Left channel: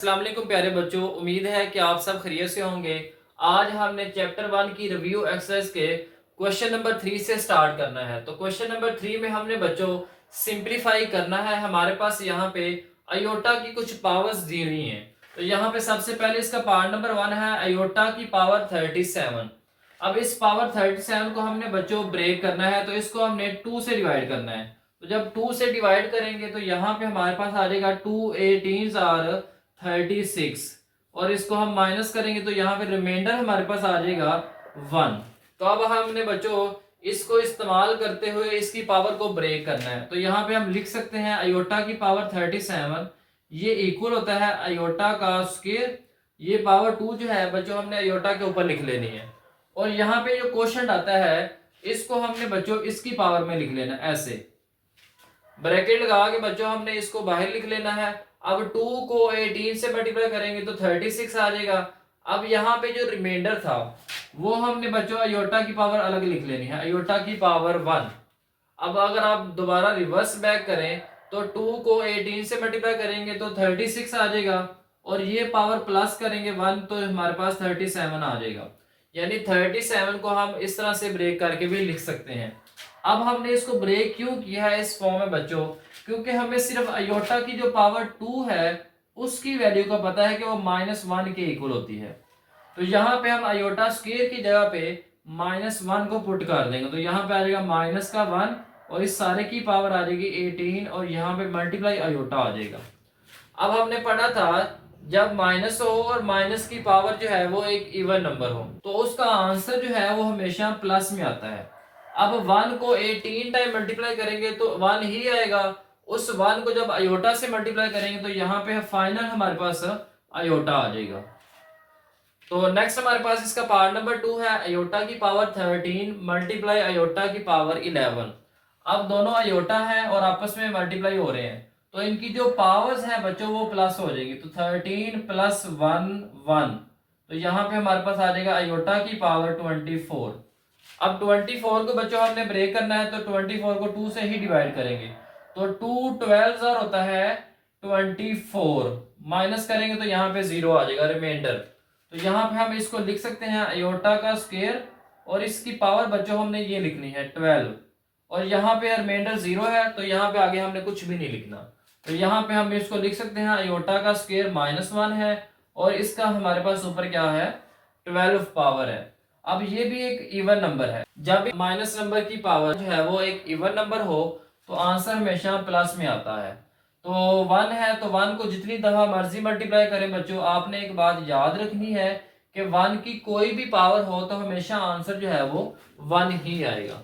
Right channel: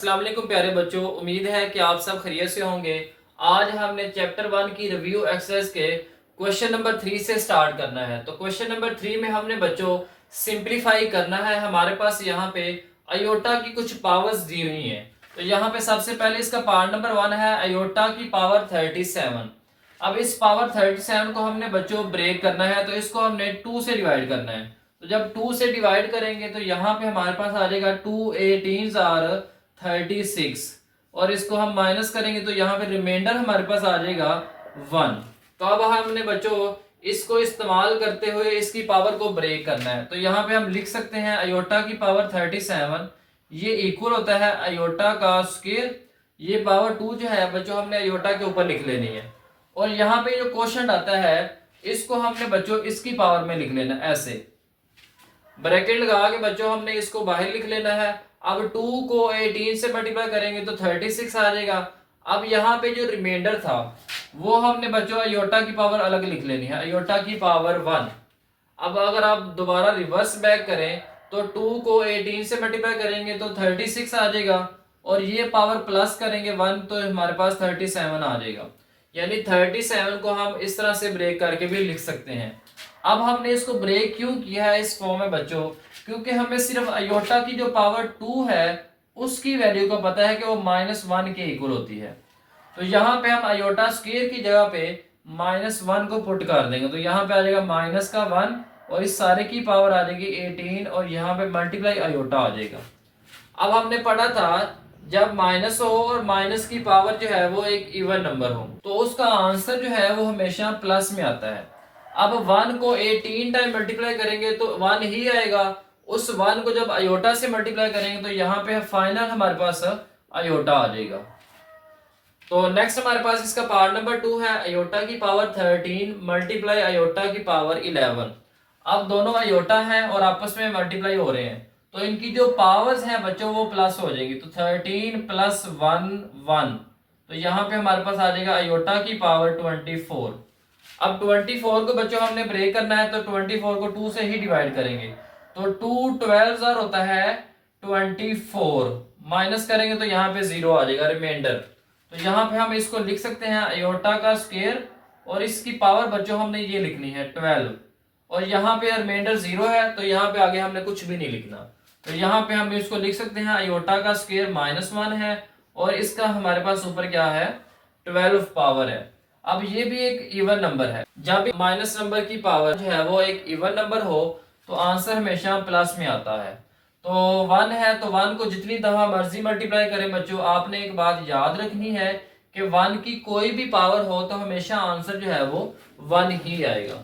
अस्सलाम वालेकुम प्यारे बच्चों, उम्मीद है कि आप सब खैरियत से होंगे। आज हमने चैप्टर 1 की रिव्यू एक्सरसाइज के क्वेश्चन नंबर 3 से स्टार्ट करना है। तो क्वेश्चन नंबर 3 में हमने बच्चों सिंप्लीफाई करना है। हमारे पास यहाँ पे अयोटा की कुछ पावर्स दी हुई हैं। तो यहाँ पे सबसे पहले इसका पावर नंबर 1 है अयोटा की पावर 37। अब इस पावर 37 को हमने बच्चों ब्रेक करना है, तो इसको हमने 2 से डिवाइड करना है। तो जब 2 से डिवाइड करेंगे तो यहाँ पे हमारे पास आ जाएगा 2 18 आर 36, और इसको हम माइनस करेंगे तो यहाँ पे रिमाइंडर हमारे पास आ जाएगा 1। तो अब हमने बच्चों इसको इस्तेमाल करते हुए इसकी पावर को ब्रेक करना है। तो यहाँ पे हम लिख सकते हैं अयोटा की पावर 37 ये इक्वल होता है अयोटा का स्क्वायर। ये पावर 2 जो है बच्चों हमने अयोटा के ऊपर लिख लेनी है, और यहाँ पे जो क्वेश्चन आता है इसको हमने बच्चों इसकी पावर में लिख लेना है। ऐसे ब्रैकेट लगा के बच्चों हमने इसको बाहर लिख लेना है। अब 2 को 18 से मल्टीप्लाई करेंगे तो 36 आ जाएगा। अब यहाँ पे जो रिमाइंडर था वो हमने बच्चों अयोटा की पावर अलग लिख लेनी है, अयोटा की पावर 1। अब अगर आप दोबारा रिवर्स बैक करें तो 2 को 18 से मल्टीप्लाई करेंगे तो 36 आ जाएगा, और ये पावर प्लस करेंगे 1 तो हमारे पास 37 आ जाएगा। यानी 37 को हम इस तरह से ब्रेक करके भी लिख सकते हैं। अब हमने इसको ब्रेक क्यों किया है इस फॉर्म में बच्चों, क्योंकि हमें सिर्फ अयोटा की जो पावर 2 है उसकी वैल्यू का पता है कि वो -1 के इक्वल होती है। तो यहाँ पे हम अयोटा स्क्वायर की जगह पे -1 को पुट कर देंगे, तो यहाँ पे आ जाएगा -1 और इस सारे की पावर आ जाएगी 18, और यहाँ पे मल्टीप्लाई अयोटा आ जाएगा। अब हमने पढ़ा था जब माइनस हो और माइनस की पावर जो है वो एक इवन नंबर हो तो उसका आंसर जो है वो हमेशा प्लस में आता है। अब 1 को 18 टाइम मल्टीप्लाई करेंगे तो 1 ही आएगा। उस 1 को जब अयोटा से मल्टीप्लाई करेंगे तो यहाँ पे फाइनल हमारे पास अयोटा आ जाएगा। तो नेक्स्ट हमारे पास इसका पावर नंबर 2 है अयोटा की पावर 13 मल्टीप्लाई अयोटा की पावर 11। अब दोनों अयोटा हैं और आपस में मल्टीप्लाई हो रहे हैं, तो इनकी जो पावर्स हैं बच्चों वो प्लस हो जाएगी। तो 13 प्लस 1 1, तो यहाँ पे हमारे पास आ जाएगा अयोटा की पावर 24। अब 24 को बच्चों हमने ब्रेक करना है, तो 24 को 2 से ही डिवाइड करेंगे। तो 2 12 होता है 24, माइनस करेंगे तो यहाँ पे 0 आ जाएगा रिमाइंडर। तो यहाँ पे हम इसको लिख सकते हैं अयोटा का स्क्वायर, और इसकी पावर बच्चों हमने ये लिखनी है 12, और यहाँ पे रिमाइंडर 0 है तो यहाँ पे आगे हमने कुछ भी नहीं लिखना। तो यहाँ पे हम इसको लिख सकते हैं अयोटा का स्क्वायर -1 है, और इसका हमारे पास ऊपर क्या है 12 पावर है। अब ये भी एक इवन नंबर है। जब माइनस नंबर की पावर जो है वो एक इवन नंबर हो तो आंसर हमेशा प्लस में आता है। तो 1 है तो 1 को जितनी दफा मर्जी मल्टीप्लाई करें बच्चों, आपने एक बात याद रखनी है कि 1 की कोई भी पावर हो तो हमेशा आंसर जो है वो 1 ही आएगा।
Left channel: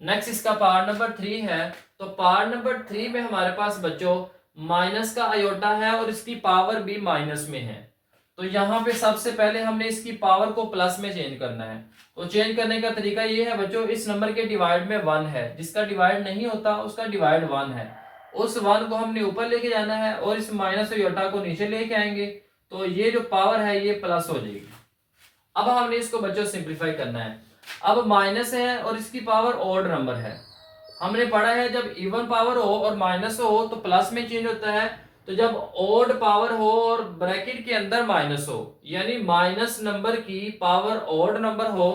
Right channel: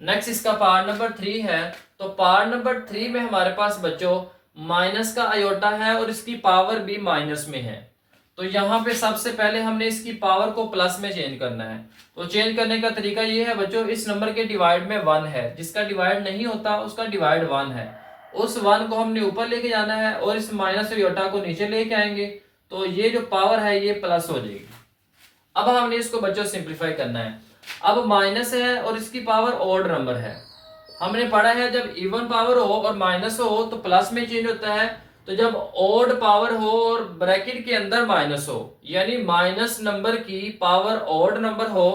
नेक्स्ट इसका पावर नंबर 3 है। तो पावर नंबर 3 में हमारे पास बच्चों माइनस का अयोटा है और इसकी पावर भी माइनस में है। तो यहाँ पे सबसे पहले हमने इसकी पावर को प्लस में चेंज करना है। तो चेंज करने का तरीका ये है बच्चों, इस नंबर के डिवाइड में 1 है, जिसका डिवाइड नहीं होता उसका डिवाइड 1 है। उस 1 को हमने ऊपर लेके जाना है और इस माइनस अयोटा को नीचे लेके आएंगे, तो ये जो पावर है ये प्लस हो जाएगी। अब हमने इसको बच्चों सिंप्लीफाई करना है। अब माइनस है और इसकी पावर ऑड नंबर है। हमने पढ़ा है जब इवन पावर हो और माइनस हो तो प्लस में चेंज होता है, तो जब ऑड पावर हो और ब्रैकेट के अंदर माइनस हो यानी माइनस नंबर की पावर ऑड नंबर हो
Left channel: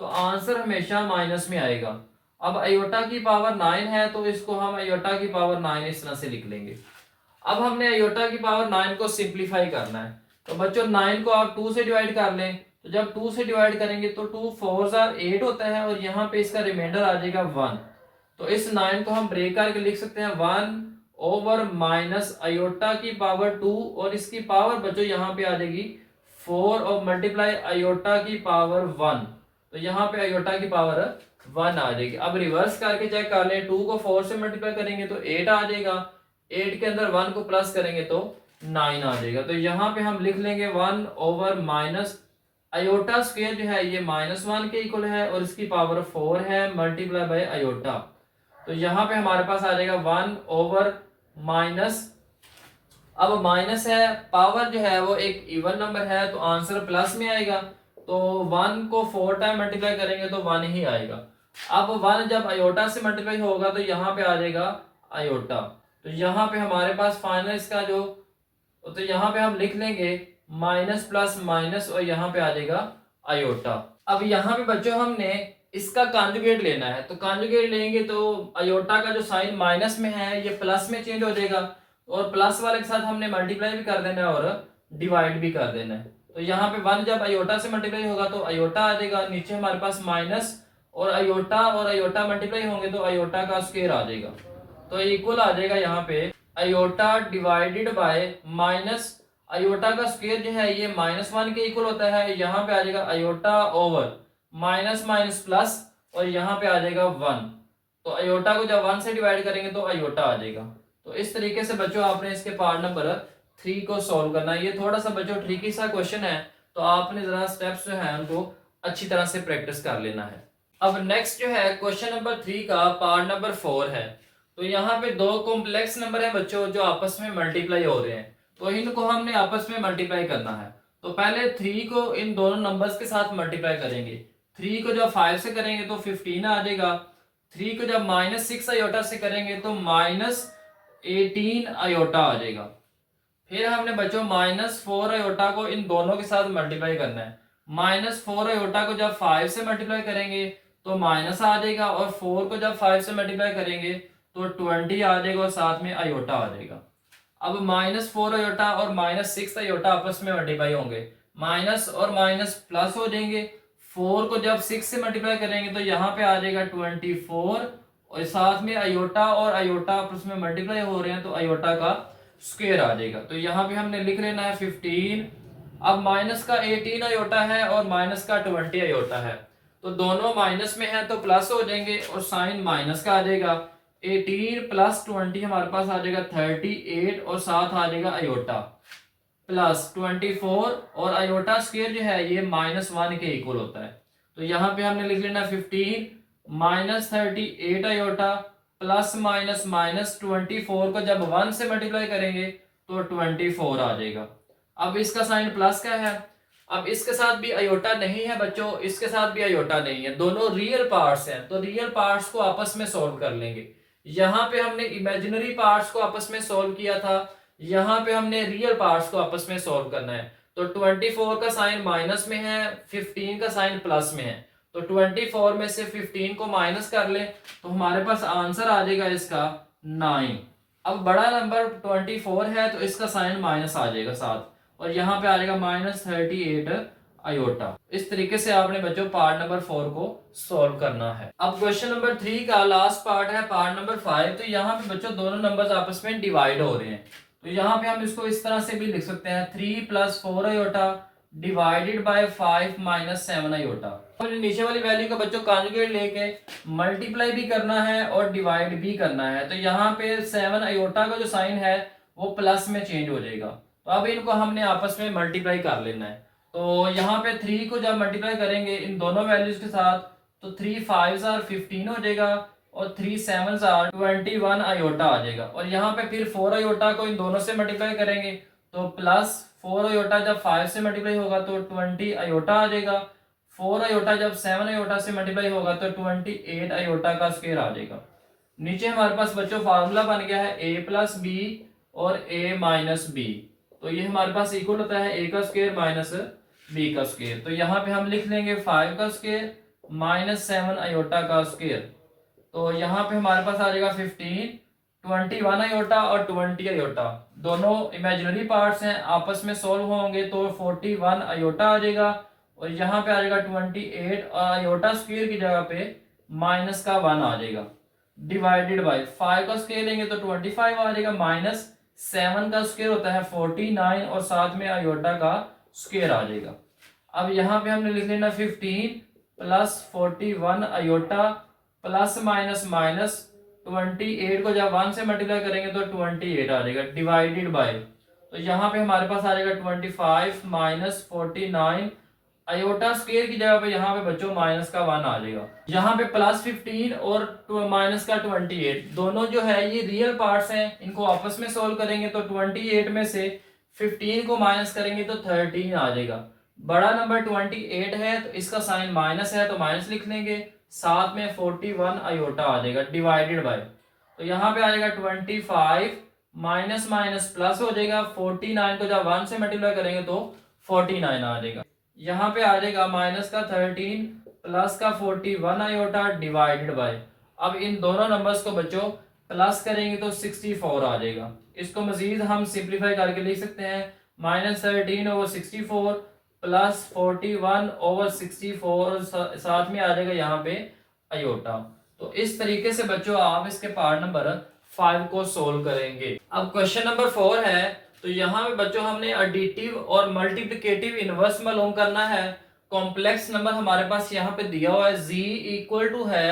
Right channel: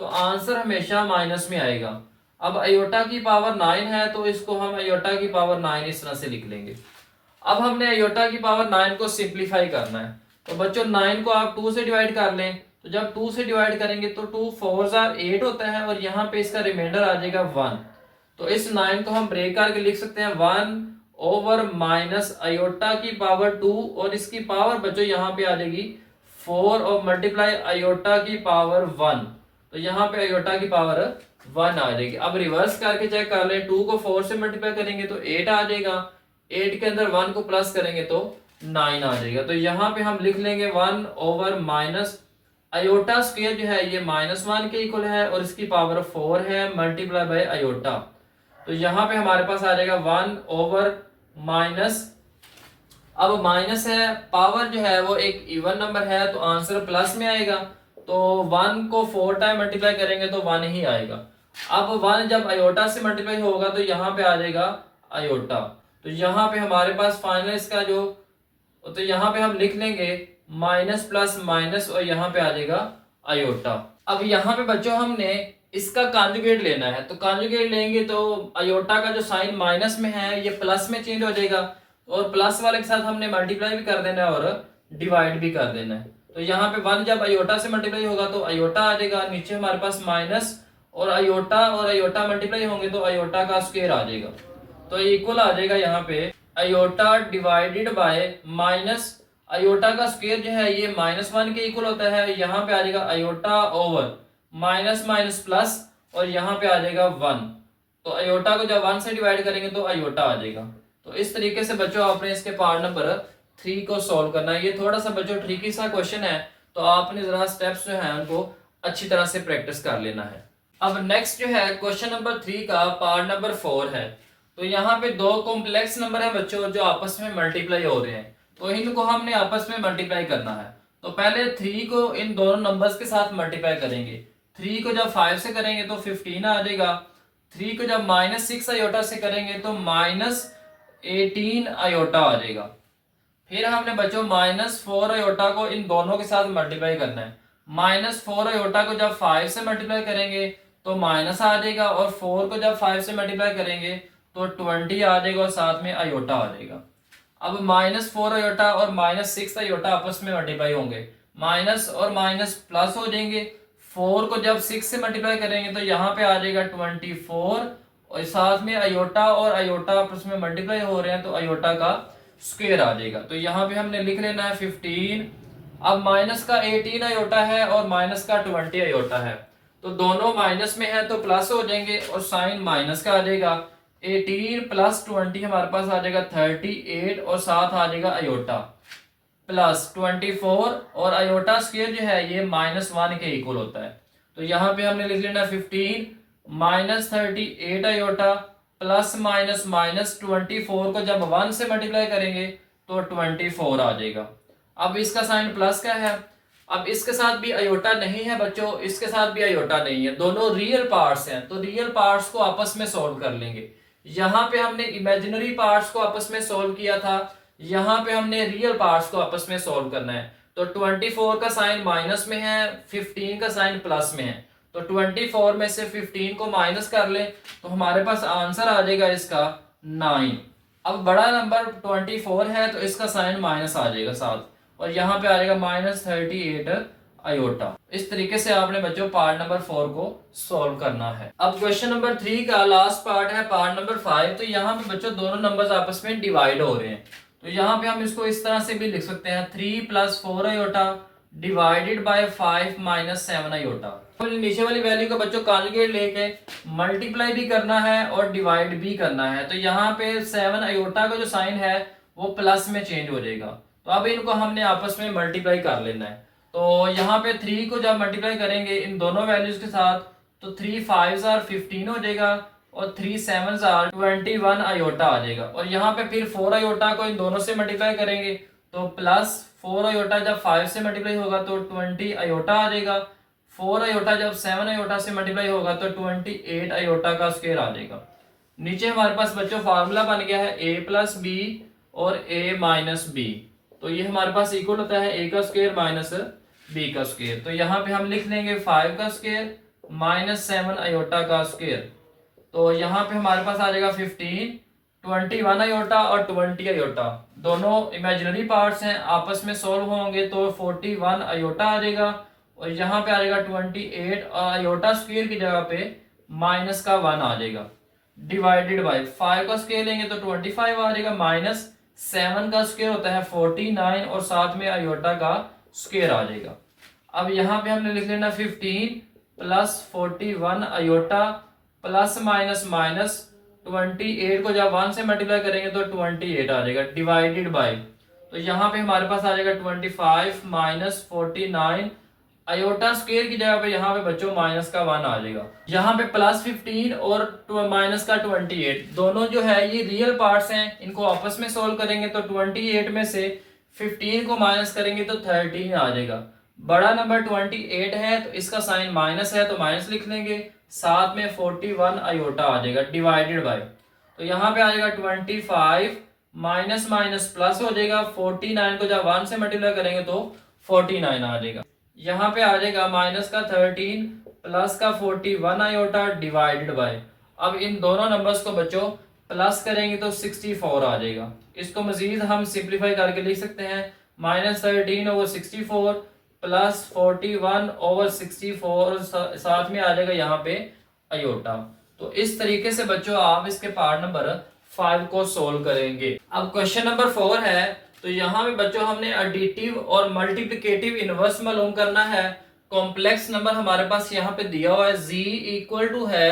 तो आंसर हमेशा माइनस में आएगा। अब अयोटा की पावर 9 है तो इसको हम अयोटा की पावर 9 इस तरह से लिख लेंगे। अब हमने अयोटा की पावर 9 को सिंप्लीफाई करना है। तो बच्चों 9 को आप 2 से डिवाइड कर लें, तो जब 2 से डिवाइड करेंगे तो 2 4 8 होता है, और यहाँ पे इसका रिमाइंडर आ जाएगा 1। तो इस 9 को हम ब्रेक करके लिख सकते हैं 1 ओवर माइनस अयोटा की पावर 2, और इसकी पावर बच्चों यहाँ पे आ जाएगी 4 और मल्टीप्लाई अयोटा की पावर 1। तो यहाँ पे अयोटा की पावर 1 आ जाएगी। अब रिवर्स करके चेक कर लें, 2 को 4 से मल्टीप्लाई करेंगे तो 8 आ जाएगा, 8 के अंदर 1 को प्लस करेंगे तो 9 आ जाएगा। तो यहाँ पे हम लिख लेंगे 1 ओवर माइनस अयोटा स्क्वायर जो है ये -1 के इक्वल है, और इसकी पावर 4 है मल्टीप्लाई बाय अयोटा। तो यहाँ पे हमारे पास आ जाएगा 1 ओवर माइनस, अब माइनस है पावर जो है वो एक इवन नंबर है तो आंसर प्लस में आएगा। तो 1 को 4 टाइम मल्टीप्लाई करेंगे तो 1 ही आएगा। अब 1 जब अयोटा से मल्टीप्लाई होगा तो यहाँ पे आ जाएगा अयोटा। तो यहाँ पे हमारे पास फाइनल इसका जो तो यहाँ पे हम लिख लेंगे माइनस प्लस माइनस और यहाँ पे आ जाएगा आयोटा। अब यहाँ पे बच्चों हमने इसका कॉन्जुगेट लेना है, तो कॉन्जुगेट लेंगे तो आयोटा का जो साइन माइनस में है ये प्लस में चेंज हो जाएगा, और प्लस वाले के साथ हमने मल्टीप्लाई भी कर देना है और डिवाइड भी कर देना है। तो यहाँ पे 1 जब आयोटा से मल्टीप्लाई होगा तो आयोटा आ जाएगा, नीचे हमारे पास माइनस और आयोटा मल्टीप्लाई होंगे तो आयोटा का स्क्वायर आ जाएगा। तो इक्वल आ जाएगा यहाँ पे iota divided by minus iota का स्क्वायर जो है ये -1 के इक्वल होता है, यहाँ पे आ जाएगा iota over minus minus plus और यहाँ पे आ जाएगा 1। तो आयोटा को जब 1 से डिवाइड करेंगे तो आयोटा आ जाएगा। तो इस तरीके से बच्चों आपने इसके पार्ट नंबर 3 को सॉल्व करना है। ये थोड़ा सा बच्चों ट्रिकी सा क्वेश्चन है, तो आपने जरा स्टेप्स जो है उनको अच्छी तरह से प्रैक्टिस कर लेना है। अब नेक्स्ट जो है क्वेश्चन नंबर 3 का पार्ट नंबर 4 है। तो यहाँ पे दो कॉम्प्लेक्स नंबर है बच्चों जो आपस में मल्टीप्लाई हो रहे हैं, तो इनको हमने आपस में मल्टीप्लाई करना है। तो पहले 3 को इन दोनों नंबर्स के साथ मल्टीप्लाई करेंगे। 3 को जब 5 से करेंगे तो 15 आ जाएगा। 3 को जब -6 आयोटा से करेंगे तो -18 आयोटा आ जाएगा। फिर हमने बच्चों -4 आयोटा को इन दोनों के साथ मल्टीप्लाई करना है। -4 आयोटा को जब 5 से मल्टीप्लाई करेंगे तो माइनस आ जाएगा, और 4 को जब 5 से मल्टीप्लाई करेंगे तो 20 आ जाएगा और साथ में आयोटा आ जाएगा। अब -4 आयोटा और -6 आयोटा आपस में मल्टीप्लाई होंगे, माइनस और माइनस प्लस हो जाएंगे। 4 को जब 6 से मल्टीप्लाई करेंगे तो यहाँ पे आ जाएगा 24, और साथ में आयोटा और आयोटा आपस में मल्टीप्लाई हो रहे हैं तो आयोटा का स्क्वायर आ जाएगा। तो यहाँ पे हमने लिख लेना है 15। अब माइनस का 18 आयोटा है और माइनस का 20 आयोटा है, तो दोनों माइनस में है तो प्लस हो जाएंगे और साइन माइनस का आ जाएगा। 18 प्लस 20 हमारे पास आ जाएगा 38 और साथ आ जाएगा आयोटा प्लस 24, और आयोटा स्क्वायर जो है ये -1 के इक्वल होता है। तो यहाँ पे हमने लिख लेना 15 -38 आयोटा प्लस माइनस माइनस 24 को जब 1 से मल्टीप्लाई करेंगे तो 24 आ जाएगा। अब इसका साइन प्लस का है। अब इसके साथ भी आयोटा नहीं है बच्चों, इसके साथ भी आयोटा नहीं है, दोनों रियल पार्ट्स हैं, तो रियल पार्ट्स को आपस में सॉल्व कर लेंगे। यहाँ पे हमने इमेजिनरी पार्ट्स को आपस में सॉल्व किया था, यहाँ पे हमने रियल पार्ट्स को आपस में सॉल्व करना है। तो 24 का साइन माइनस में है, 15 का साइन प्लस में है, तो 24 में से 15 को माइनस कर लें तो हमारे पास आंसर आ जाएगा इसका 9। अब बड़ा नंबर 24 है तो इसका साइन माइनस आ जाएगा साथ, और यहाँ पे आ जाएगा -38 आयोटा। इस तरीके से आपने बच्चों पार्ट नंबर 4 को सॉल्व करना है। अब क्वेश्चन नंबर 3 का लास्ट पार्ट है पार्ट नंबर 5। तो यहाँ पे बच्चों दोनों नंबर्स आपस में डिवाइड हो रहे हैं, तो यहाँ पे हम इसको इस तरह से भी लिख सकते हैं 3 + 4 आयोटा डिवाइडेड बाय 5 - 7 आयोटा। तो नीचे वाली वैल्यू का बच्चों कॉन्जुगेट लेके मल्टीप्लाई भी करना है और डिवाइड भी करना है। तो यहाँ पे 7 आयोटा का जो साइन है वो प्लस में चेंज हो जाएगा, तो अब इनको हमने आपस में मल्टीप्लाई कर लेना है। तो यहाँ पे 3 को जब मल्टीप्लाई करेंगे इन दोनों वैल्यूज के साथ तो 3 5s are 15 हो जाएगा और 3 7s are 21 आयोटा आ जाएगा। और यहाँ पे फिर 4 आयोटा को इन दोनों से मल्टीप्लाई करेंगे तो +4 आयोटा जब 5 से मल्टीप्लाई होगा तो 20 आयोटा आ जाएगा। 4 आयोटा जब 7 आयोटा से मल्टीप्लाई होगा तो 28 आयोटा का स्क्वायर आ जाएगा। नीचे हमारे पास बच्चों फार्मूला बन गया है a + b और a - b। तो ये हमारे पास इक्वल होता है a का स्क्वायर माइनस b का स्क्वायर। तो यहाँ पे हम लिख लेंगे 5 का स्क्वायर -7 आयोटा का स्क्वायर। तो यहाँ पे हमारे पास आ जाएगा 15, 21 आयोटा और 20 आयोटा, दोनों इमेजिनरी पार्ट्स हैं, आपस में सोल्व होंगे तो 41 आयोटा आ जाएगा। और यहाँ पे आ जाएगा 28 और आयोटा स्क्वायर की जगह पे -1 आ जाएगा डिवाइडेड बाय 5 का स्क्वायर लेंगे तो 25 आ जाएगा, -7 का स्क्वायर होता है 49 और साथ में आयोटा का स्क्वायर आ जाएगा। अब यहाँ पे हमने लिख लेना 15 + 41 आयोटा प्लस माइनस माइनस 28 को जब 1 से मल्टीप्लाई करेंगे तो 28 आ जाएगा डिवाइडेड बाय। तो यहाँ पे हमारे पास आ जाएगा 25 - 49 आयोटा स्क्वायर की जगह पे यहाँ पे बच्चों -1 आ जाएगा। यहाँ पे +15 और -28 दोनों जो है ये रियल पार्ट्स हैं, इनको आपस में सोल्व करेंगे तो 28 में से 15 को माइनस करेंगे तो 13 आ जाएगा। बड़ा नंबर 28 है तो इसका साइन माइनस है तो माइनस लिख लेंगे, साथ में 41 आयोटा आ जाएगा डिवाइडेड बाय। तो यहाँ पे आ जाएगा 25 माइनस माइनस प्लस हो जाएगा, 49 को जब 1 से मल्टीप्लाई करेंगे तो 49 आ जाएगा। यहाँ पे आ जाएगा माइनस का 13 प्लस का 41 आयोटा डिवाइडेड बाय, अब इन दोनों नंबर्स को बच्चों प्लस करेंगे तो 64 आ जाएगा। इसको मजीद हम सिंप्लीफाई करके लिख सकते हैं, माइनस 13 ओवर 64 प्लस 41 ओवर 64, साथ में आ जाएगा यहाँ पे आयोटा। तो इस तरीके से बच्चों आप इसके पार्ट नंबर 5 को सोल्व करेंगे। अब क्वेश्चन नंबर 4 है, तो यहाँ पे बच्चों हमने एडिटिव और मल्टीप्लिकेटिव इनवर्स मालूम करना है। कॉम्प्लेक्स नंबर हमारे पास यहाँ पे दिया हुआ है, z इक्वल टू है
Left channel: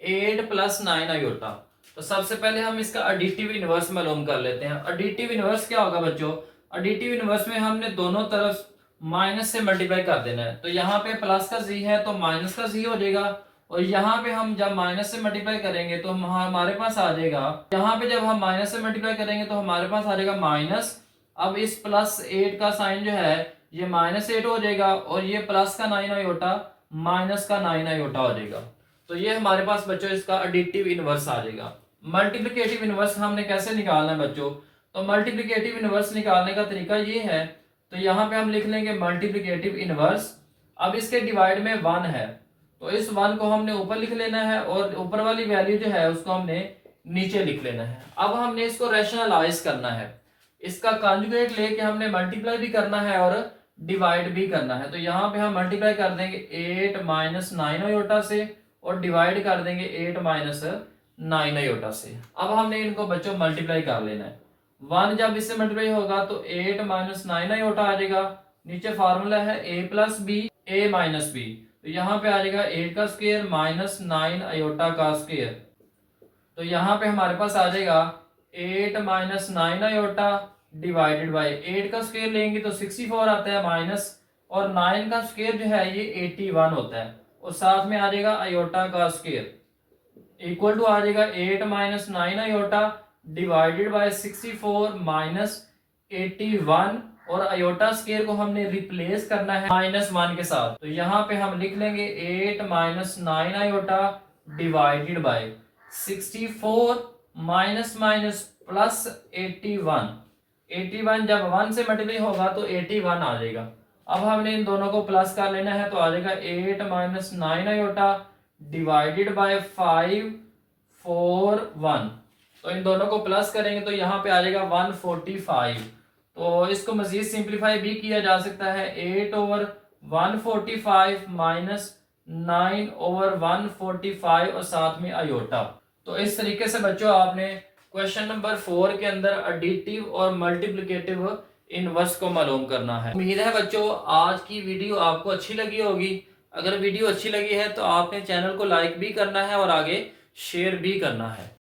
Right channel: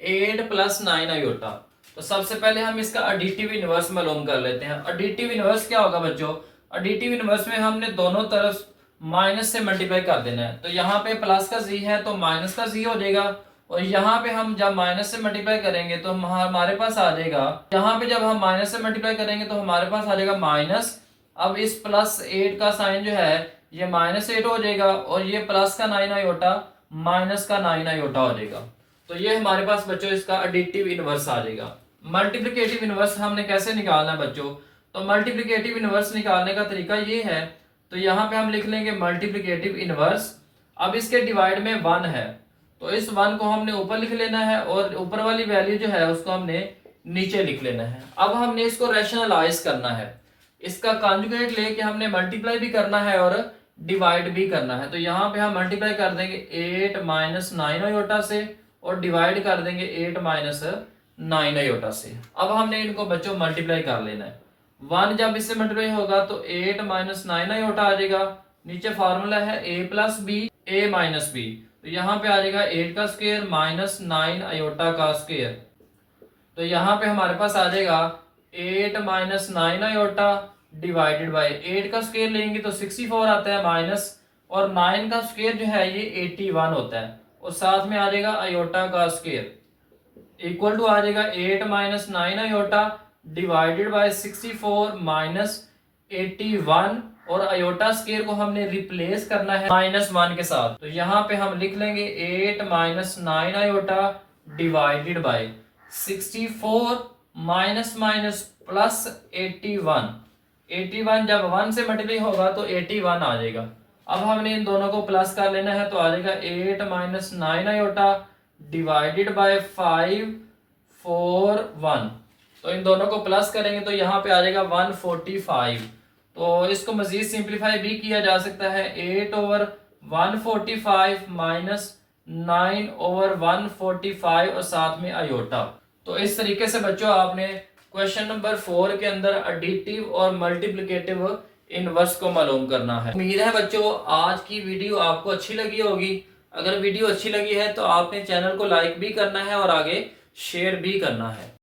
8 प्लस 9 आयोटा। तो सबसे पहले हम इसका एडिटिव इनवर्स मालूम कर लेते हैं। एडिटिव इनवर्स क्या होगा बच्चों, एडिटिव इनवर्स में हमने दोनों तरफ माइनस से मल्टीप्लाई कर देना है। तो यहाँ पे प्लस का z है तो माइनस का z हो जाएगा, और यहाँ पे हम जब माइनस से मल्टीप्लाई करेंगे तो हमारे पास आ जाएगा, यहाँ पे जब हम माइनस से मल्टीप्लाई करेंगे तो हमारे पास आ जाएगा माइनस। अब इस प्लस 8 का साइन जो है ये माइनस 8 हो जाएगा, और ये प्लस का 9 आयोटा माइनस का 9 आयोटा हो जाएगा। तो ये हमारे पास बच्चों इसका एडिटिव इनवर्स आ जाएगा। मल्टीप्लिकेटिव इनवर्स हमने कैसे निकालना है बच्चों, तो मल्टीप्लिकेटिव इनवर्स निकालने का तरीका ये है, तो यहाँ पे हम लिख लेंगे मल्टीप्लिकेटिव इनवर्स। अब इसके डिवाइड में 1 है तो इस 1 को हमने ऊपर लिख लेना है, और ऊपर वाली वैल्यू जो है उसको हमने नीचे लिख लेना है। अब हमने इसको रैशनलाइज करना है, इसका कॉन्जुगेट लेके हमने मल्टीप्लाई भी करना है और डिवाइड भी करना है। तो यहाँ पे हम मल्टीप्लाई कर देंगे 8 माइनस 9 आयोटा से, और डिवाइड कर देंगे 8 माइनस 9 आयोटा से। अब हमने इनको बच्चों मल्टीप्लाई कर लेना है, 1 जब इससे मल्टीप्लाई होगा तो 8 माइनस 9 आयोटा आ जाएगा। नीचे फार्मूला है a plus B a minus B, तो यहाँ पे आ जाएगा 8 का स्क्वायर माइनस 9 आयोटा का स्क्वायर। तो यहाँ पे हमारे पास आ जाएगा 8 माइनस 9 आयोटा डिवाइडेड बाय 8 का स्क्वायर लेंगे तो 64 आता है माइनस, और 9 का स्क्वायर जो है ये 81 होता है, और साथ में आ जाएगा आयोटा का स्क्वायर इक्वल टू आ जाएगा 8 minus 9 iota divided by 64 minus 81, और आयोटा स्क्वायर को हमने रिप्लेस करना है -1 के साथ। तो यहाँ पे हम लिख लेंगे 8 minus 9 iota divided by 64 minus minus plus 81। 81 जब 1 से मल्टीप्लाई होगा तो 81 आ जाएगा। अब हमने इन दोनों को प्लस कर लेना है, तो आ जाएगा 8 माइनस 9 आयोटा डिवाइडेड बाय 5 4 1। तो इन दोनों को प्लस करेंगे तो यहाँ पे आ जाएगा 145। तो इसको मजीद सिंप्लीफाई भी किया जा सकता है, 8 ओवर 145 माइनस 9 ओवर 145 और साथ में आयोटा। तो इस तरीके से बच्चों आपने क्वेश्चन नंबर 4 के अंदर एडिटिव और मल्टीप्लिकेटिव इनवर्स को मालूम करना है। उम्मीद है बच्चों आज की वीडियो आपको अच्छी लगी होगी। अगर वीडियो अच्छी लगी है तो आपने चैनल को लाइक भी करना है और आगे शेयर भी करना है।